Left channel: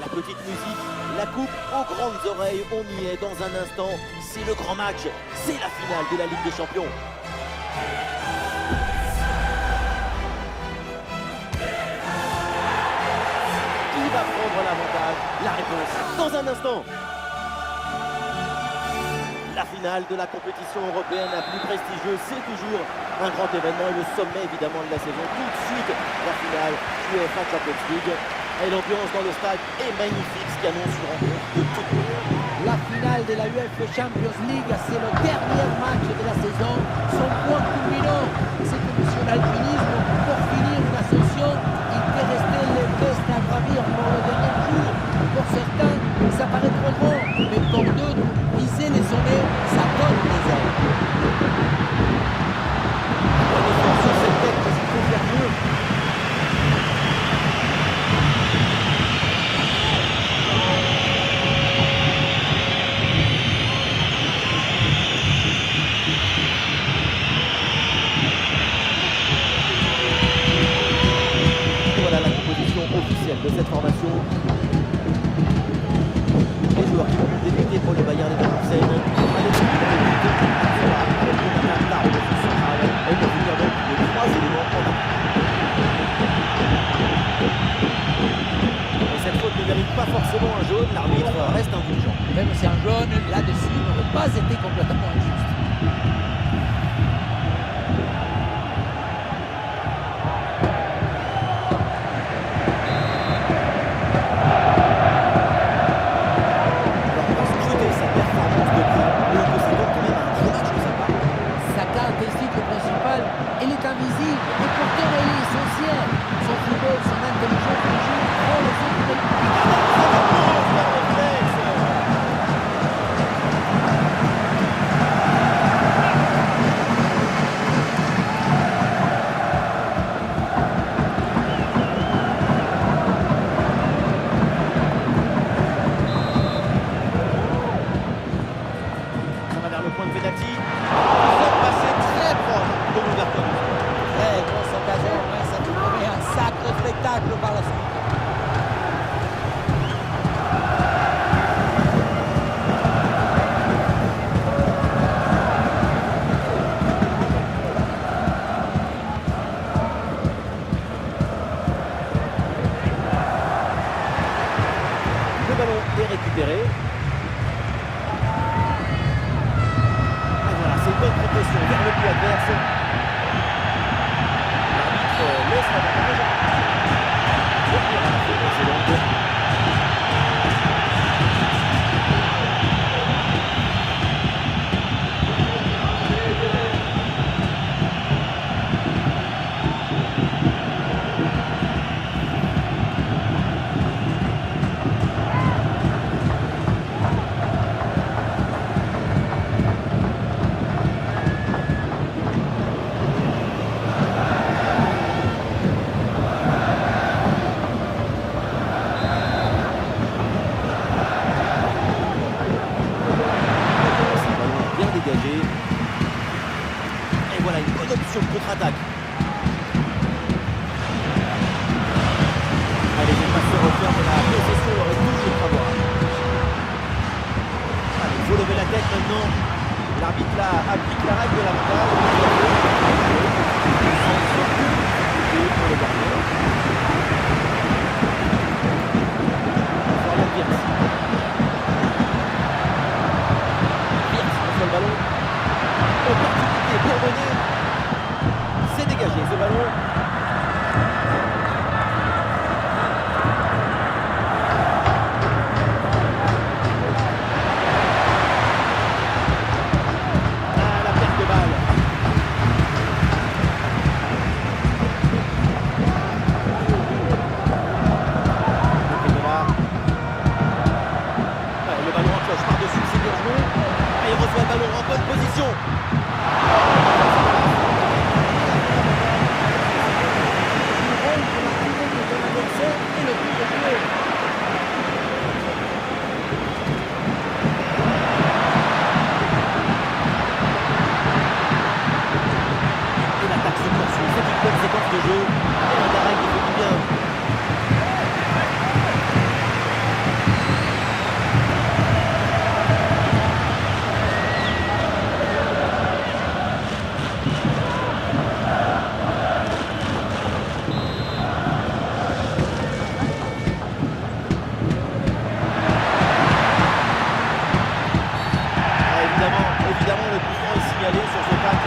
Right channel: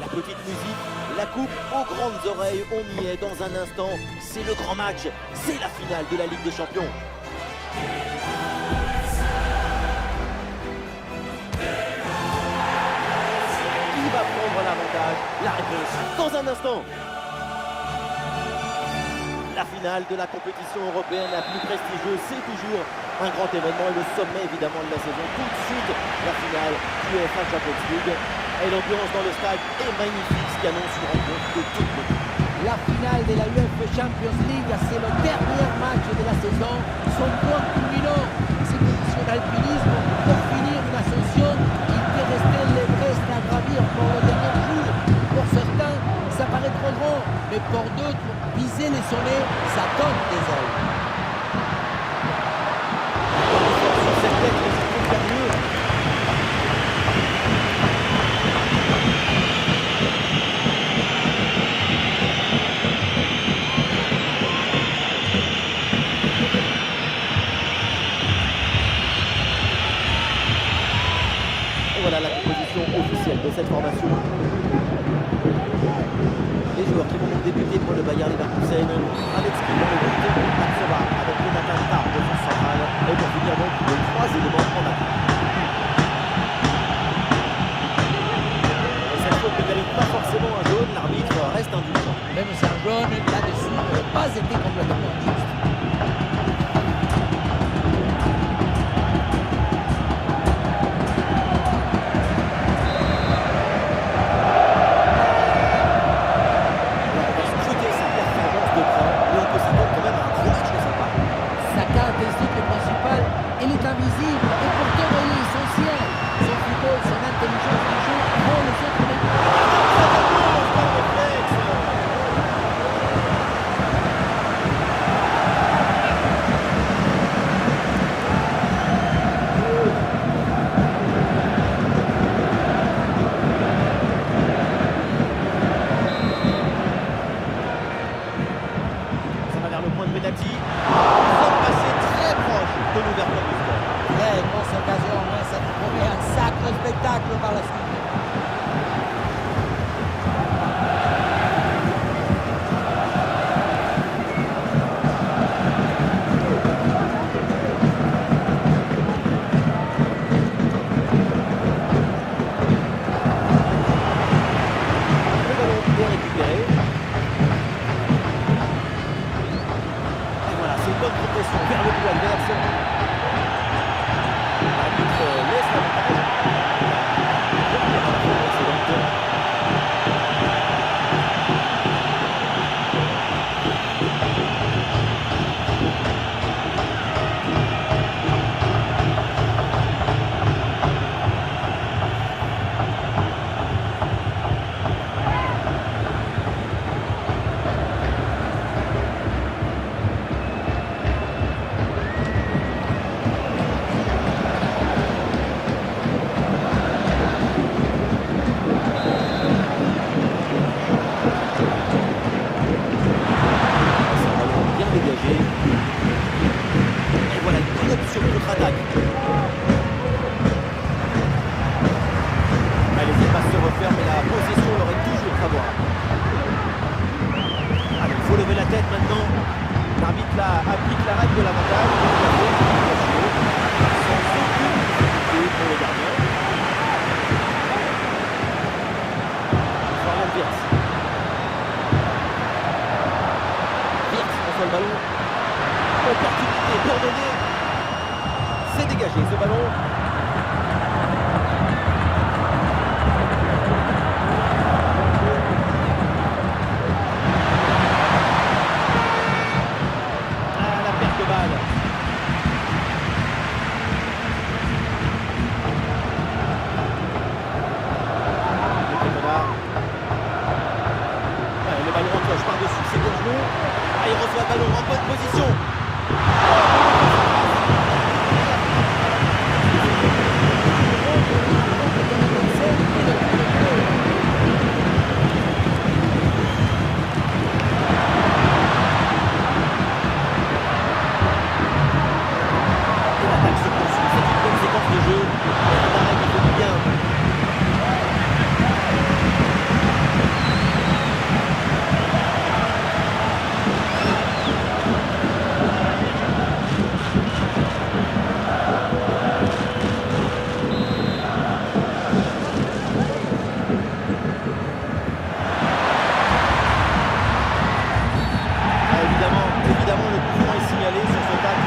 La petite musique, la coupe aux grandes oreilles, on y est dans un instant. C'est le grand match, c'est la finale de la Ligue des Champions. Qui va prendre l'avantage? La réponse dans un instant. La finale de la compétition européenne la plus prestigieuse, c'est toujours un grand événement et le sommet évidemment de la saison. Tout de suite, la finale du UEFA Champions League. Et l'ambiance dans le stade est magnifique, ce qui annonce une rencontre de toute beauté. La finale de la UEFA Champions League, c'est le dernier match de la saison. Son point culminant, c'est que sur l'alpinisme, pour finir une ascension, il te restait l'Everest à gravir pour le dernier jour. Pour certains, ça paraît trop grand, mais pour d'autres, viser les sommets, ça donne des ailes. On est fort sur cette tête, mais il faut faire mieux. Voilà la composition officielle de cette formation. Les joueurs qui vont donc débuter pour le Bayern Leverkusen. Avec lui dans le but, Aksova avec Jonathan Tah au défense centrale. Et pour finir donc les trois éléments en attaque. Et cette faute ne mérite pas forcément un jaune, l'arbitre reste indulgent. Même si un jaune, là-dessus, n'aurait pas été complètement injuste. Elle est invisible et pourtant elle est essentielle. Son football, son intelligence du jeu rend les autres Ça va vers le point de pénalty. Nous sommes passés très proche de l'ouverture du score. Très grosse occasion, ouais, ça nous promet un sacré spectacle par la suite. Le ballon est récupéré. Et voilà, c'est une bonne progression vers le but adverse. L'arbitre laisse l'avantage. Revenir à la faute précédente. Dégagé. Et voilà une bonne option de contre-attaque. Allez, les passes se referment et la possession leur est toujours favorable. Allez, il faut lever la tête maintenant. L'arbitre là applique la règle de l'avantage. Il a fait jouer sans aucune difficulté pour le gardien. Florian Wirtz. Le ballon, opportunité pour donner, c'est dégagé ce ballon. Ah, la perte de balle. Le ballon en cloche par-dessus, c'est bien joué. Ah, il reçoit le ballon en bonne position. Et l'attaque se poursuit, c'est une bonne séquence de jeu. Et un arrêt qui fait du bien.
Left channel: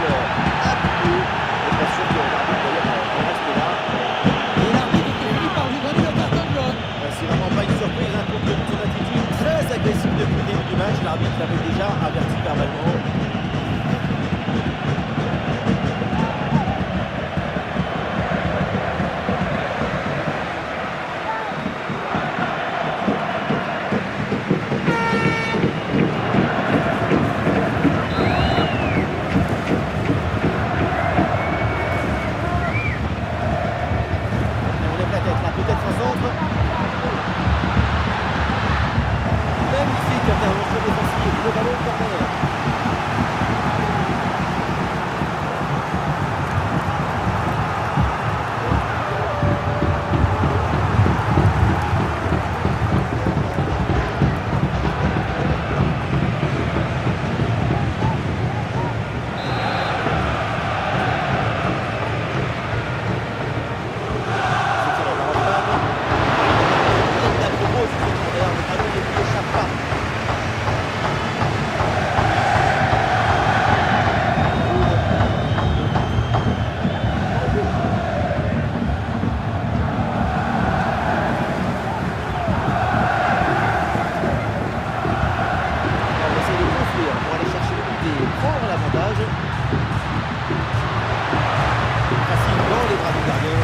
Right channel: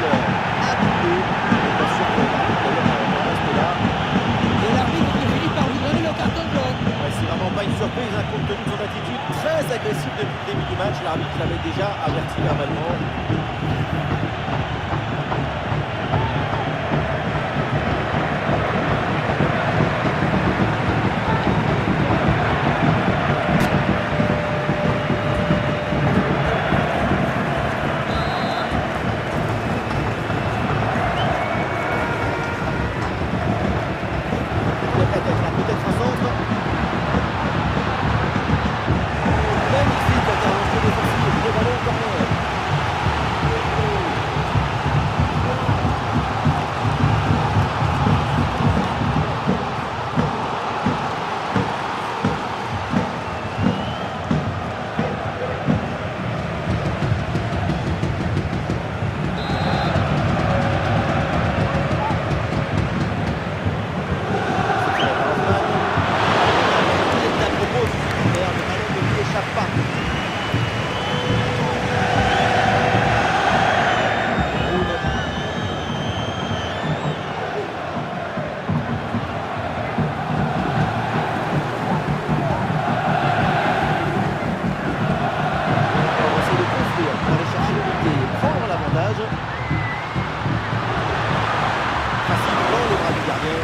semble appuyé. Et pas sûr que l'arbitre d'ailleurs en reste là. Et l'arbitre qui finit par lui donner le carton jaune. Ouais, c'est vraiment pas une surprise, hein, compte tenu de son attitude très agressive depuis le début du match. L'arbitre l'avait déjà averti verbalement. On lève la tête là, peut-être un centre. Magnifique intervention défensive, le ballon au corner. C'est tiré par Hoffman. Une intervention pleine d'à-propos sur ce corner, le ballon ne lui échappe pas. Roud. On va essayer de construire pour aller chercher l'unité et prendre l'avantage. Facile dans les bras du gardien.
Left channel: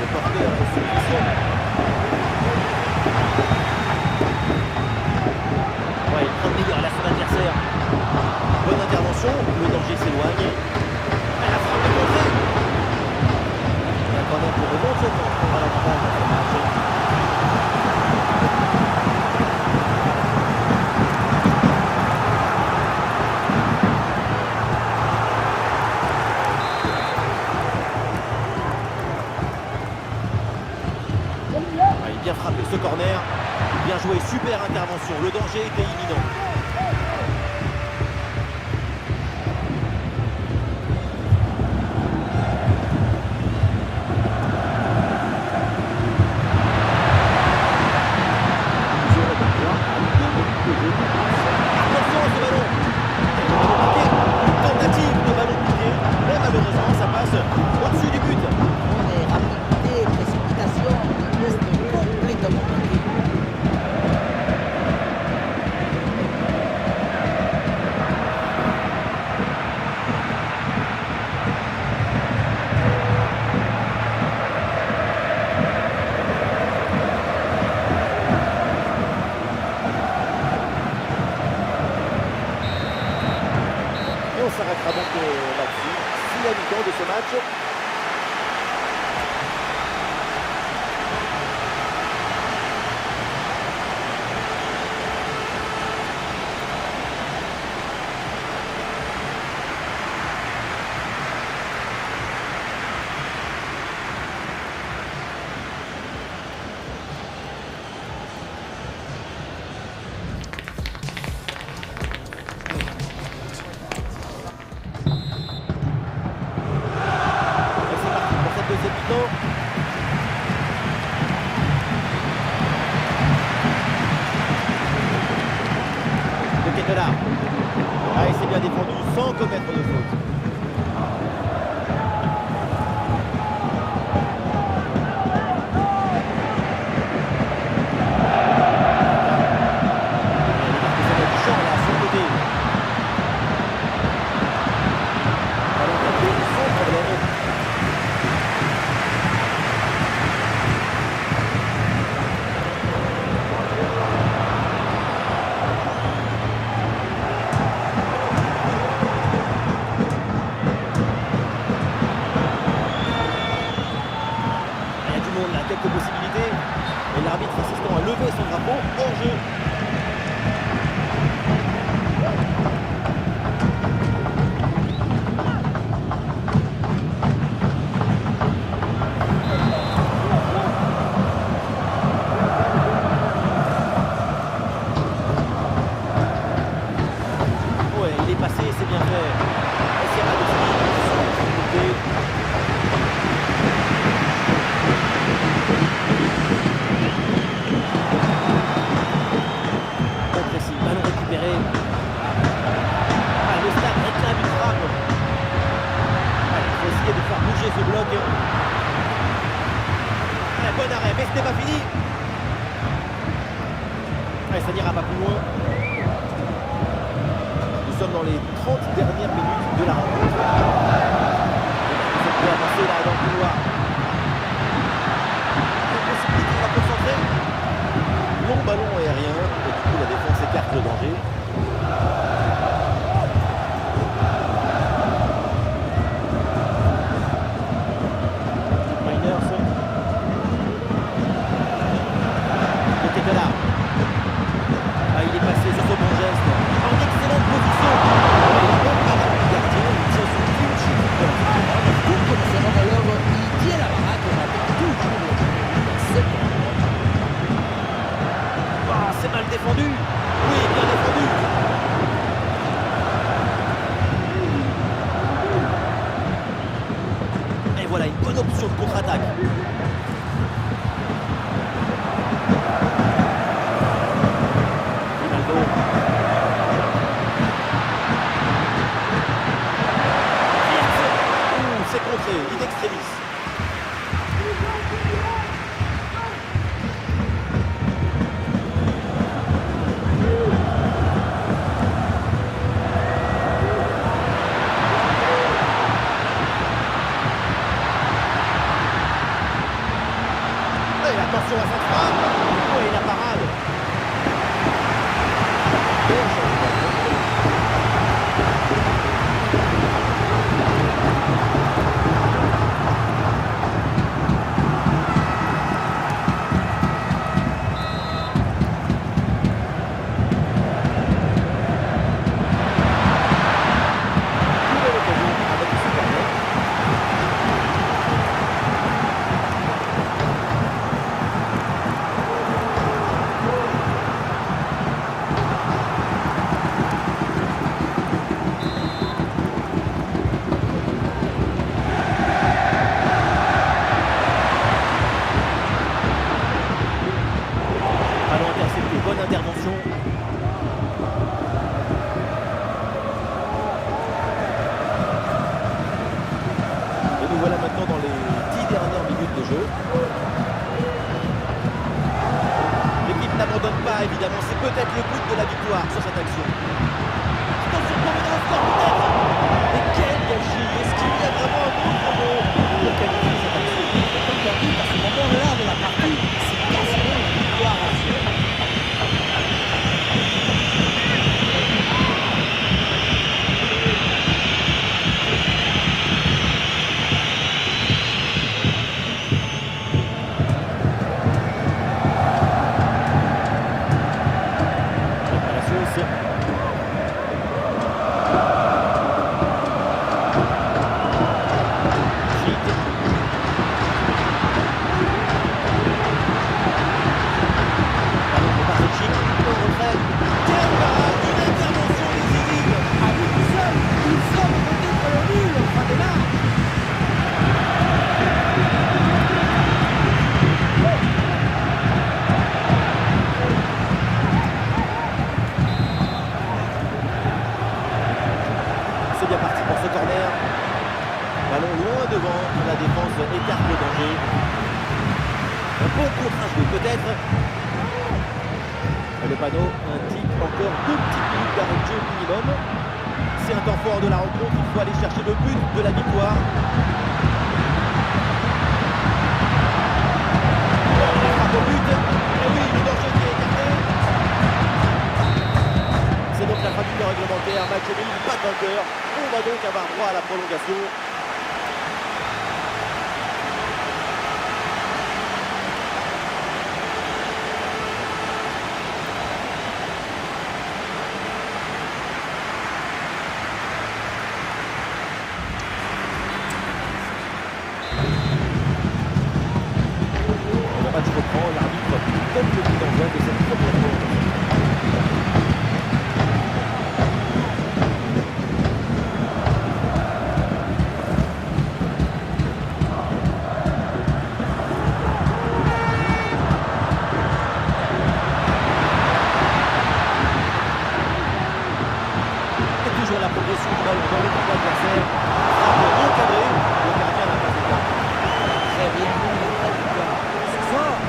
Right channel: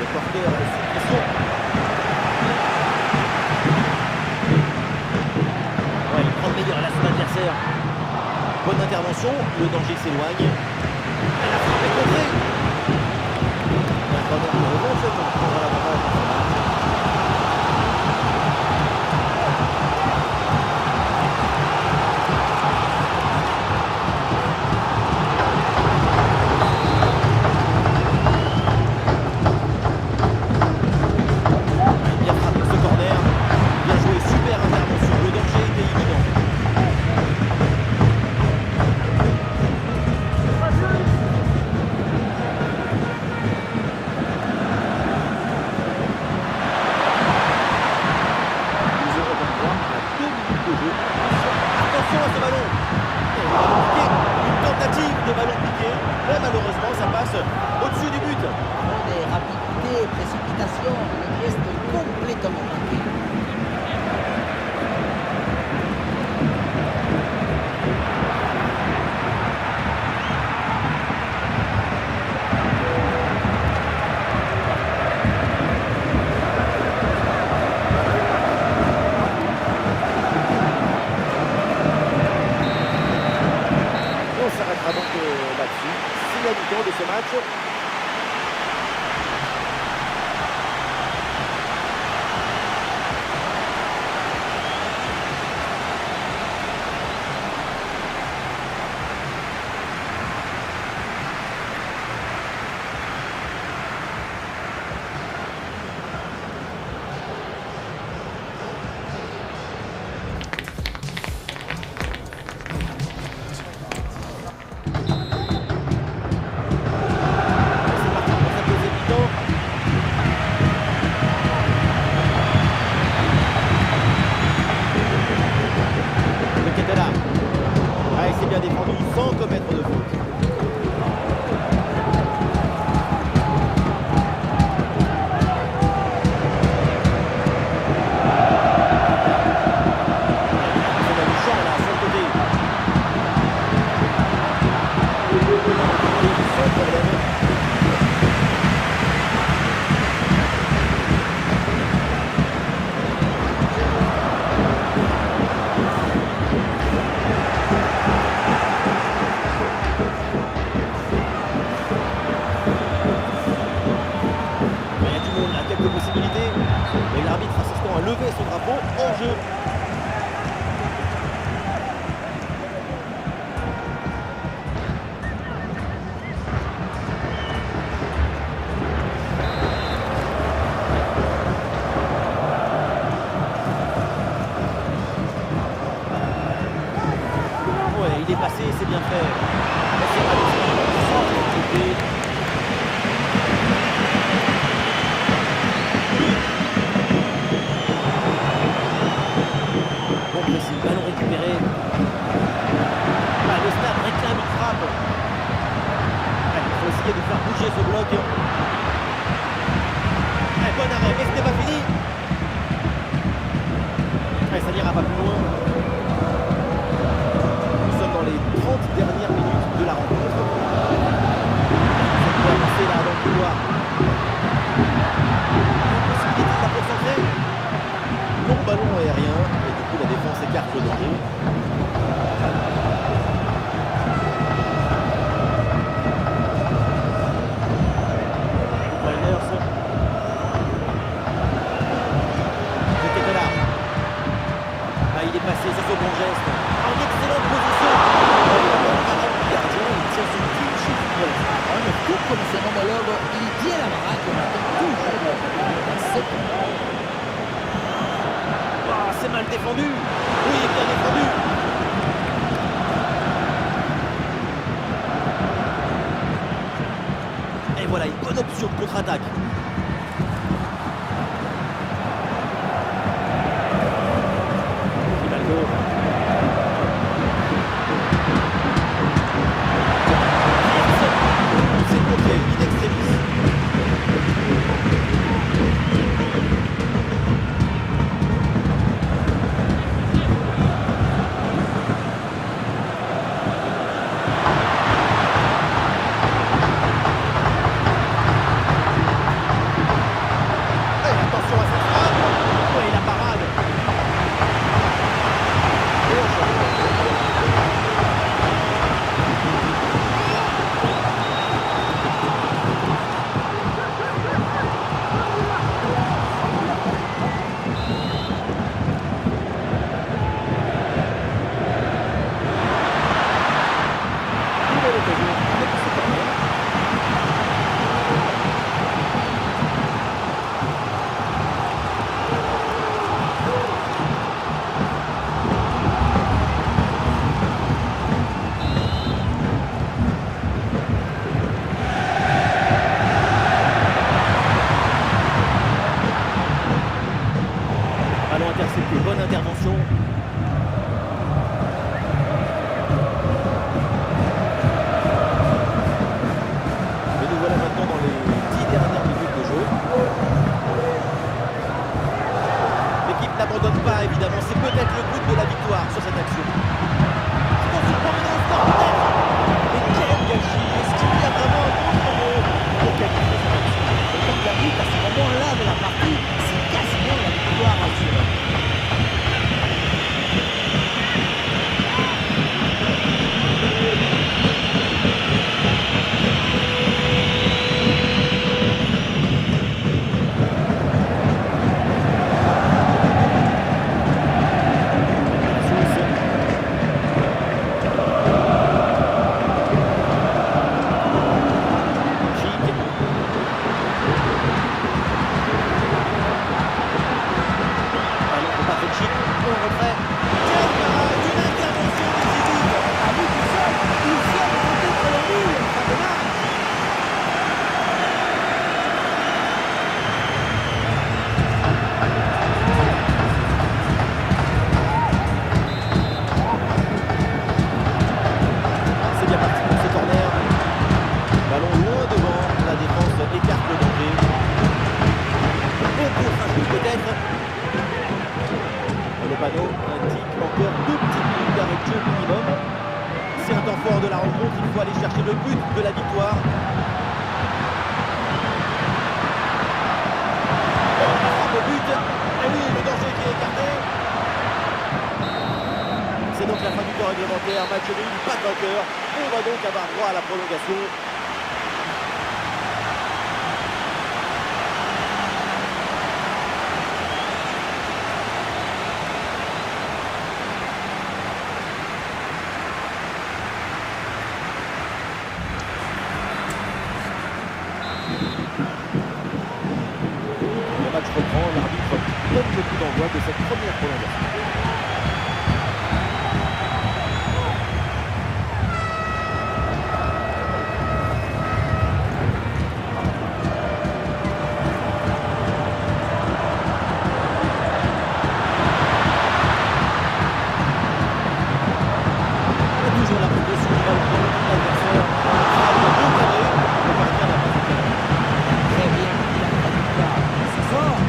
Le porteur est sous pression. Ouais, il prend le meilleur là son adversaire. Bonne intervention, le danger s'éloigne. Et la frappe est contrée. Et un corner pour éventuellement prendre l'avantage dans ce match. Ouais, bien frappé ce corner. Bien joué, super intervention. Le danger était imminent. Nous aurons donc droit à 2 minutes de jeu. Attention à ce ballon. Et le ballon piqué. Une tentative de ballon piqué. Mais malheureusement, ça passe au-dessus du but. On est rapidité, précipitation, le geste complètement manqué. Et on s'arrêtera donc là-dessus. C'est la mi-temps de ce match. Et c'est parti pour cette deuxième mi-temps. Le Ketela. Ah, et c'est bien défendu sans commettre de faute. Et elle est marquée sur du champ là, sur le côté. Le ballon capté sans problème. Il y a du monde là, quelques possibilités. Et l'arbitre assistant à lever son drapeau hors jeu. Ouais, il est passé, c'est bien fait. Et c'est Radowski sans difficulté. Bon pressing, ballon ce bloc. Bon arrêt, mais ce n'est pas fini. Ça n'ira pas plus loin. Nous sommes dans les 30 dernières minutes de la rencontre. On peut avancer là dans le couloir. Une possibilité de la concentrer. Long ballon aérien. Et du coup la défense écarte le danger. Miners. De Ketela. Il est passé sur ce bon geste. En excellente position. Il a bonne parade du gardien. Il tient son clean sheet pour l'instant. Mais tout comme son homologue, il tient la baraque. On attend toujours le premier but à 7 ans. C'est mal défendu. Oui, bien défendu. Et voilà une bonne option de contre-attaque. Grimaldo. C'est contré, in extremis. Attention à cette frappe. Oui, la parade. Nouvelle occasion avec ce corner. Ballon intercepté, bonne intervention. Et nous voilà maintenant dans les 10 dernières minutes de jeu. L'équipe n'abandonne pas, évidemment. C'est peut-être le but de la victoire sur cette action. Attention pour mener au score peut-être. Mais quel gâchis. Est-ce qu'il y a vraiment un autre mot pour qualifier cette action? Et comme tu as vu, à ce moment-là de la partie, c'est quasiment la victoire assurée. Chic, en retrait. Quelle parade, une intervention décisive. À lui tout seul, il sauve peut-être le nul en fin de match. C'est bien parti pour ce corner. Ballon loin devant, la défense écarte le danger. Un bon contre-jeu peut-être. Le panneau indique encore 2 petites minutes d'arrêt de jeu minimum. C'est un temps fort de la rencontre, il faut aller chercher le but de la victoire. La frappe au but. Et oui, le danger qui est écarté. C'est donc la fin du temps réglementaire. Match nul, pas de vainqueur. On va donc avoir droit à la prolongation. Le match reprend, l'arbitre donne le coup d'envoi de cette première prolongation. Et toujours la progression du ballon dans le camp de l'adversaire. Frappe non cadrée, le gardien n'a pas été très bien mis la trajectoire. C'est fort.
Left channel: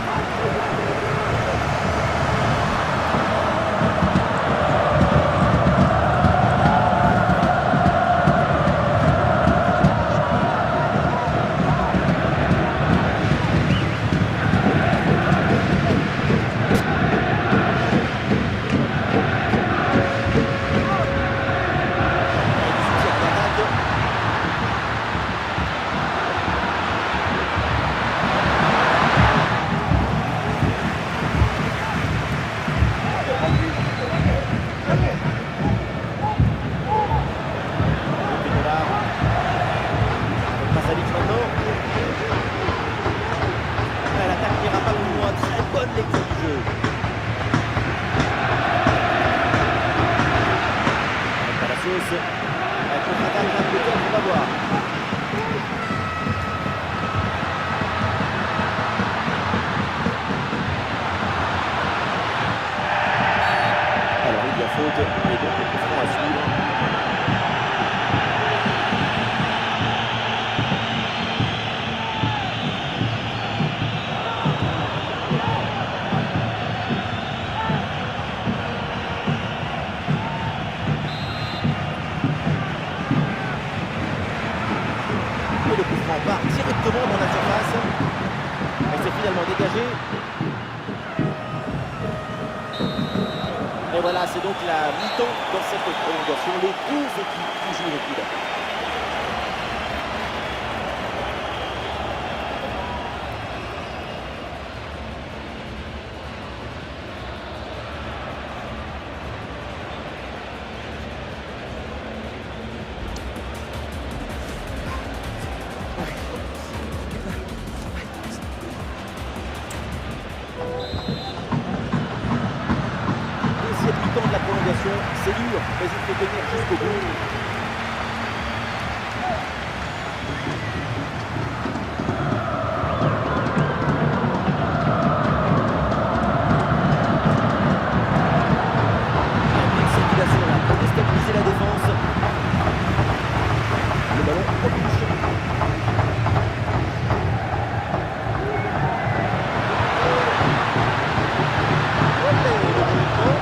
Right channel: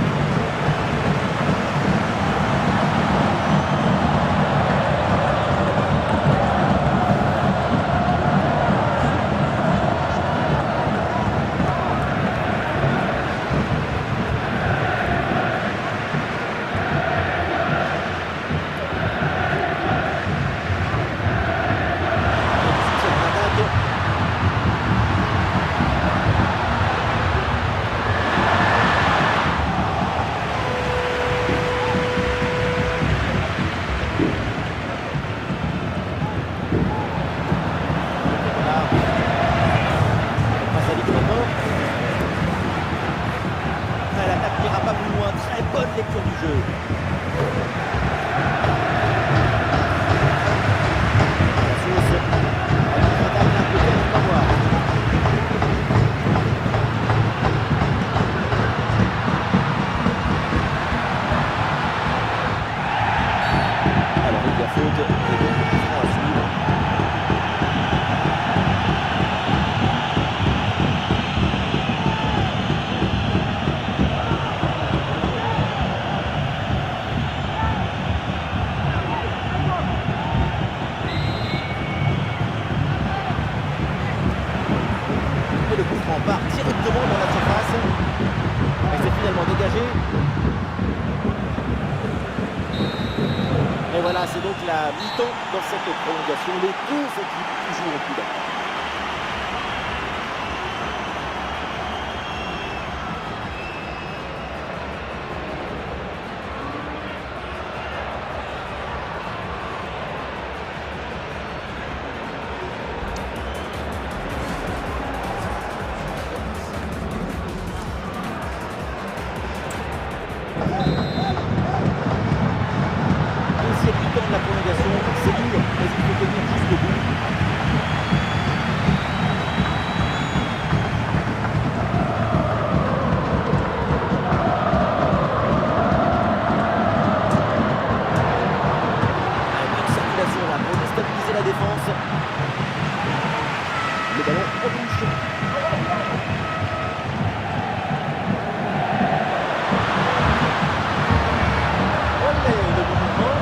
L'attaque n'ira pas plus loin, très bonne lecture du jeu. Palacios, avec contre-attaque d'un côté, on va voir. Alors il y a faute, et donc le coup franc à suivre. Le coup franc part directement dans la surface et c'est finalement dégagé. Et voilà, c'est donc la mi-temps dans cette prolongation. Les deux équipes toujours au coude. Deuxième mi-temps de la prolongation, c'est dur, mais il faut tenir jusqu'au bout. Une circulation là pour déstabiliser la défense. Le ballon en touche. Olé, le bon mouvement.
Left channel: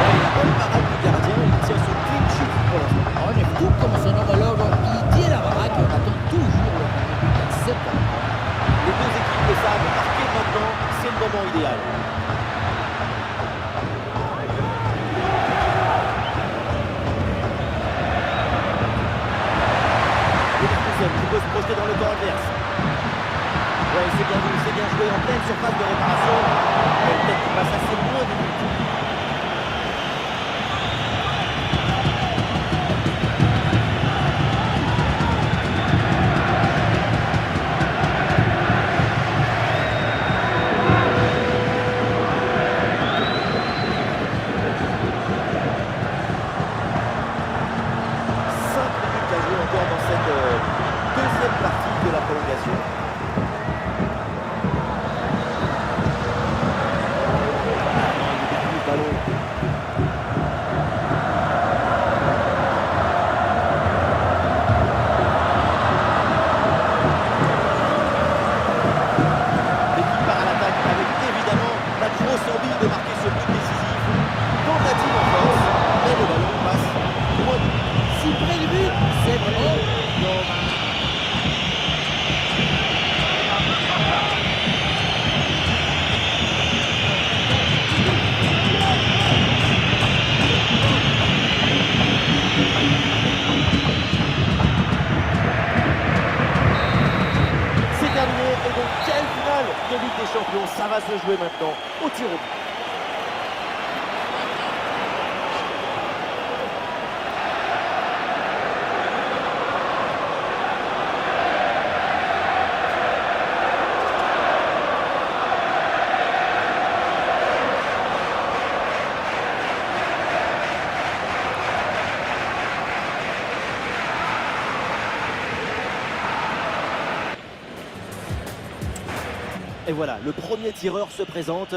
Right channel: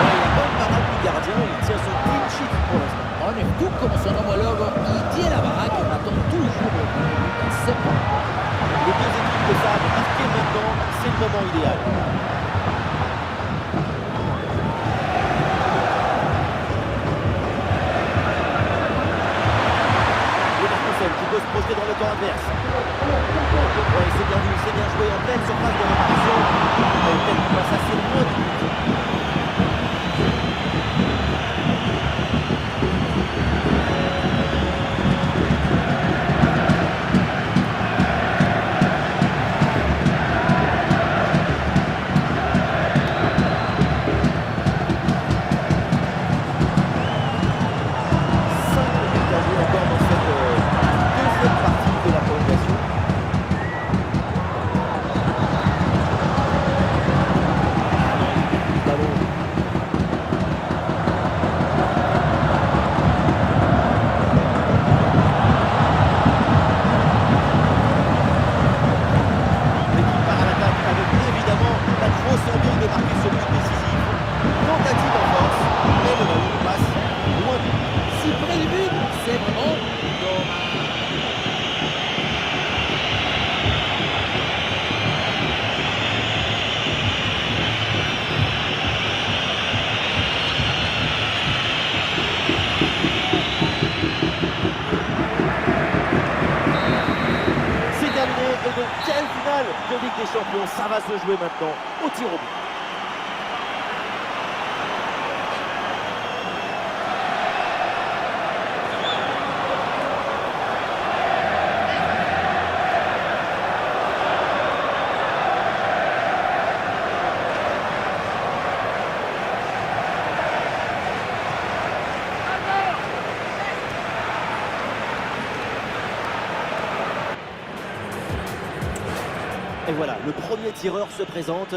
Ouais, la bonne parade du gardien, il tient son clean sheet pour l'instant. On est tout comme son homologue, il tient la baraque et on attend toujours le premier but à 7 ans. Les deux équipes le savent, marquer maintenant, c'est le moment idéal. Leverkusen qui peut se projeter dans le camp adverse. Ouais, c'est bien vu, c'est bien joué en pleine surface de réparation. Peut-être qu'il passe assez loin du but. Encore dans cette deuxième partie de la prolongation. Ah non, il perd plus le ballon. L'équipe part à l'attaque avec évidemment la grosse envie de marquer ce but décisif. Tentative en force, mais le ballon passe loin du but. Si près du but, c'est vraiment dommage. C'est terminé et donc quelle finale de Ligue des Champions. Ça va se jouer maintenant au tir au but. Et voilà, le premier tireur se présente.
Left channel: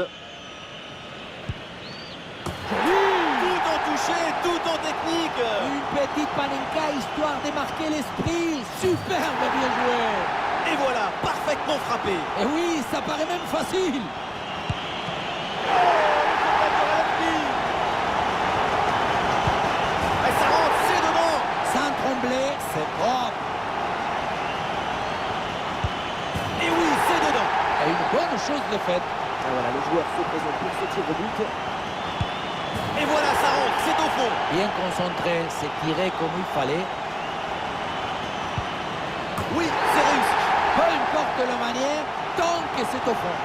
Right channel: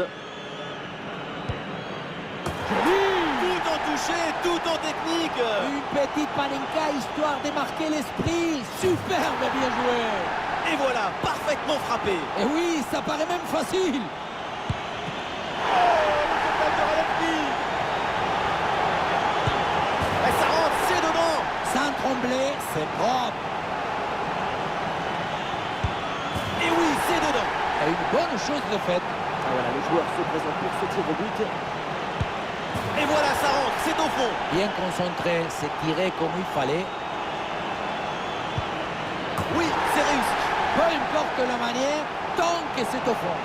But sans toucher, tout en technique. Une petite panenka histoire de marquer l'esprit. Superbe, bien joué. Et voilà, parfaitement frappé. Et oui, ça paraît même facile. Oh, le contact de Radetki. Et ça rentre, c'est dedans. Sans trembler, c'est propre. Et oui, c'est dedans. Et une bonne chose de faite. Ah, voilà, le joueur se présente pour ce tir au but. Et voilà, ça rentre, c'est au fond. Bien concentré, c'est tiré comme il fallait. Oui, c'est réussi. Peu importe la manière, tant que c'est au fond.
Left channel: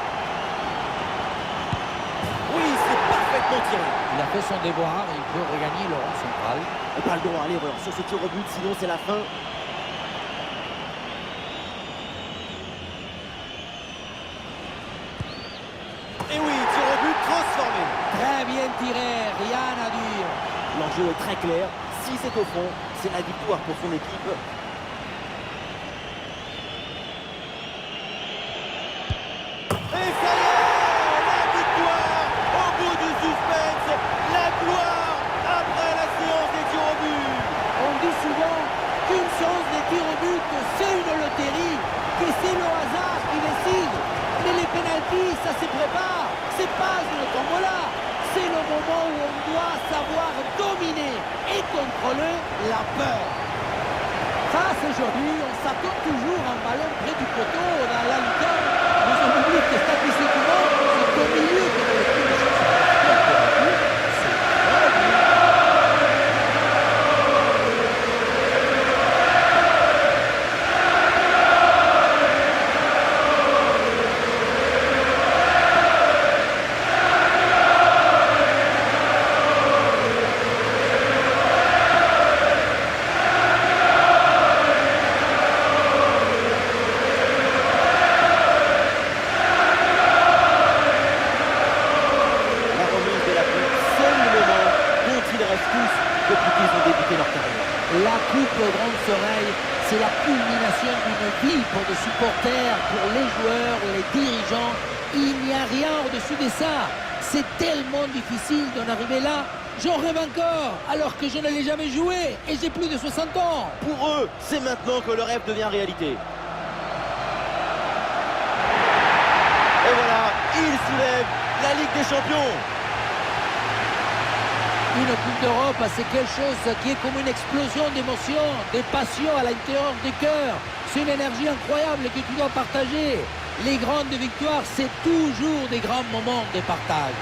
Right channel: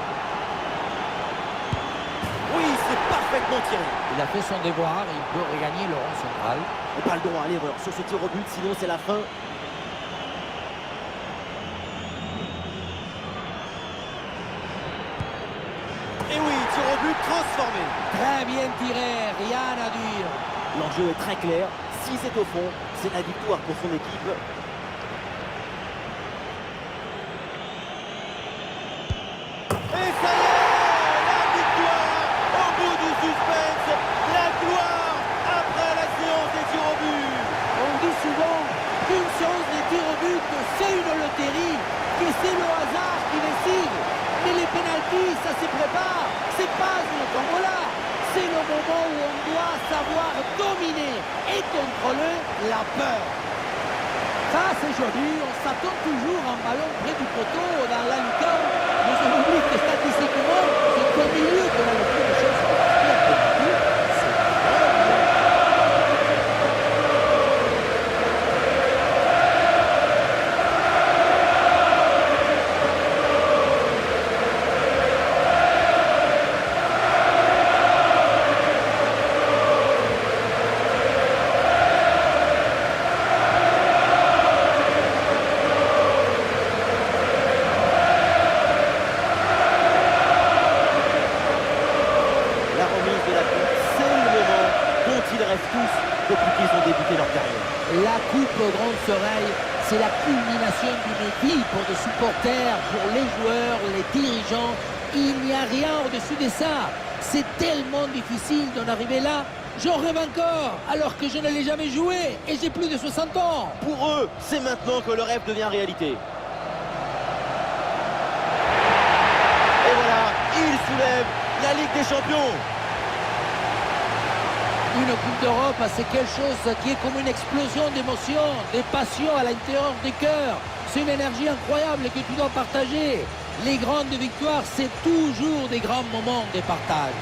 Oui, c'est parfaitement tiré. Il a fait son devoir, il peut regagner le rond central. Et pas le droit à l'erreur sur ce tir au but, sinon c'est la fin. Et oui, tir au but transformé. Très bien tiré, rien à dire. L'enjeu est très clair. Si c'est au fond, c'est la victoire pour son équipe. Et ça y est, la victoire au bout du suspense, la gloire après la séance des tirs au but. On dit souvent qu'une séance de tir au but, c'est une loterie, que c'est le hasard qui décide. Mais les pénaltys, ça se prépare, c'est pas une tombola. C'est le moment où on doit savoir dominer et contrôler la peur. Ça, c'est joli, on s'attend toujours à un ballon près du poteau dans la lucarne, mais on oublie que statistiquement, c'est au milieu qu'on a le plus de chances de marquer un penalty. C'est très bien. La remise de la coupe, c'est le moment dont ils rêvent tous depuis qu'ils ont débuté leur carrière. La coupe Grande Oreilles, c'est la culmination d'une vie pour des supporters, pour les joueurs, les dirigeants. Il n'y a rien au-dessus de ça. C'est tellement difficile d'en arriver là. J'en rêve encore, alors que je ne l'ai jamais joué et j'ai plus de 60 ans. Pour eux, c'est maintenant que le rêve devient réalité. Et voilà, ils soulèvent la Ligue des Champions. Une Coupe d'Europe, c'est quelque chose qui est comme une explosion d'émotions, de passion à l'intérieur du cœur. C'est une énergie incroyable que tu dois partager. Les grandes victoires, c'est toujours des grands moments de partage.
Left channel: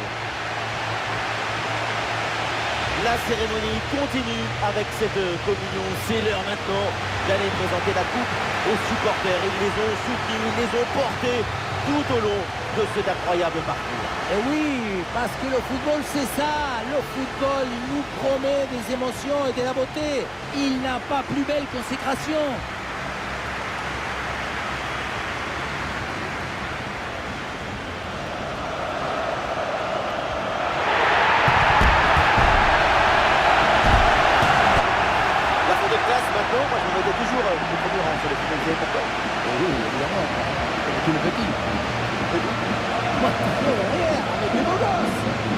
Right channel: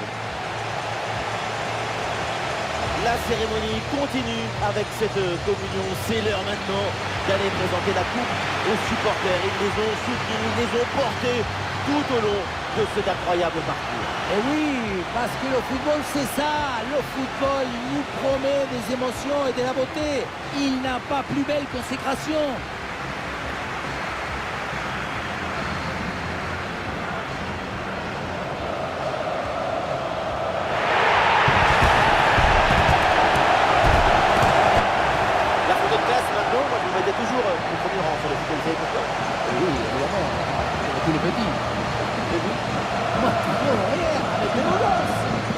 La cérémonie continue avec cette communion. C'est l'heure maintenant d'aller présenter la coupe aux supporters. Ils les ont soutenus, ils les ont portés tout au long de cet incroyable parcours. Et oui, parce que le football, c'est ça. Le football nous promet des émotions et de la beauté. Il n'a pas plus belle consécration. La photo de classe maintenant, moi je me mettais toujours au premier rang sur le football. Vous savez pourquoi? Et oui, évidemment, comme tous les petits. Et vous? Moi, toujours derrière, avec les beaux gosses.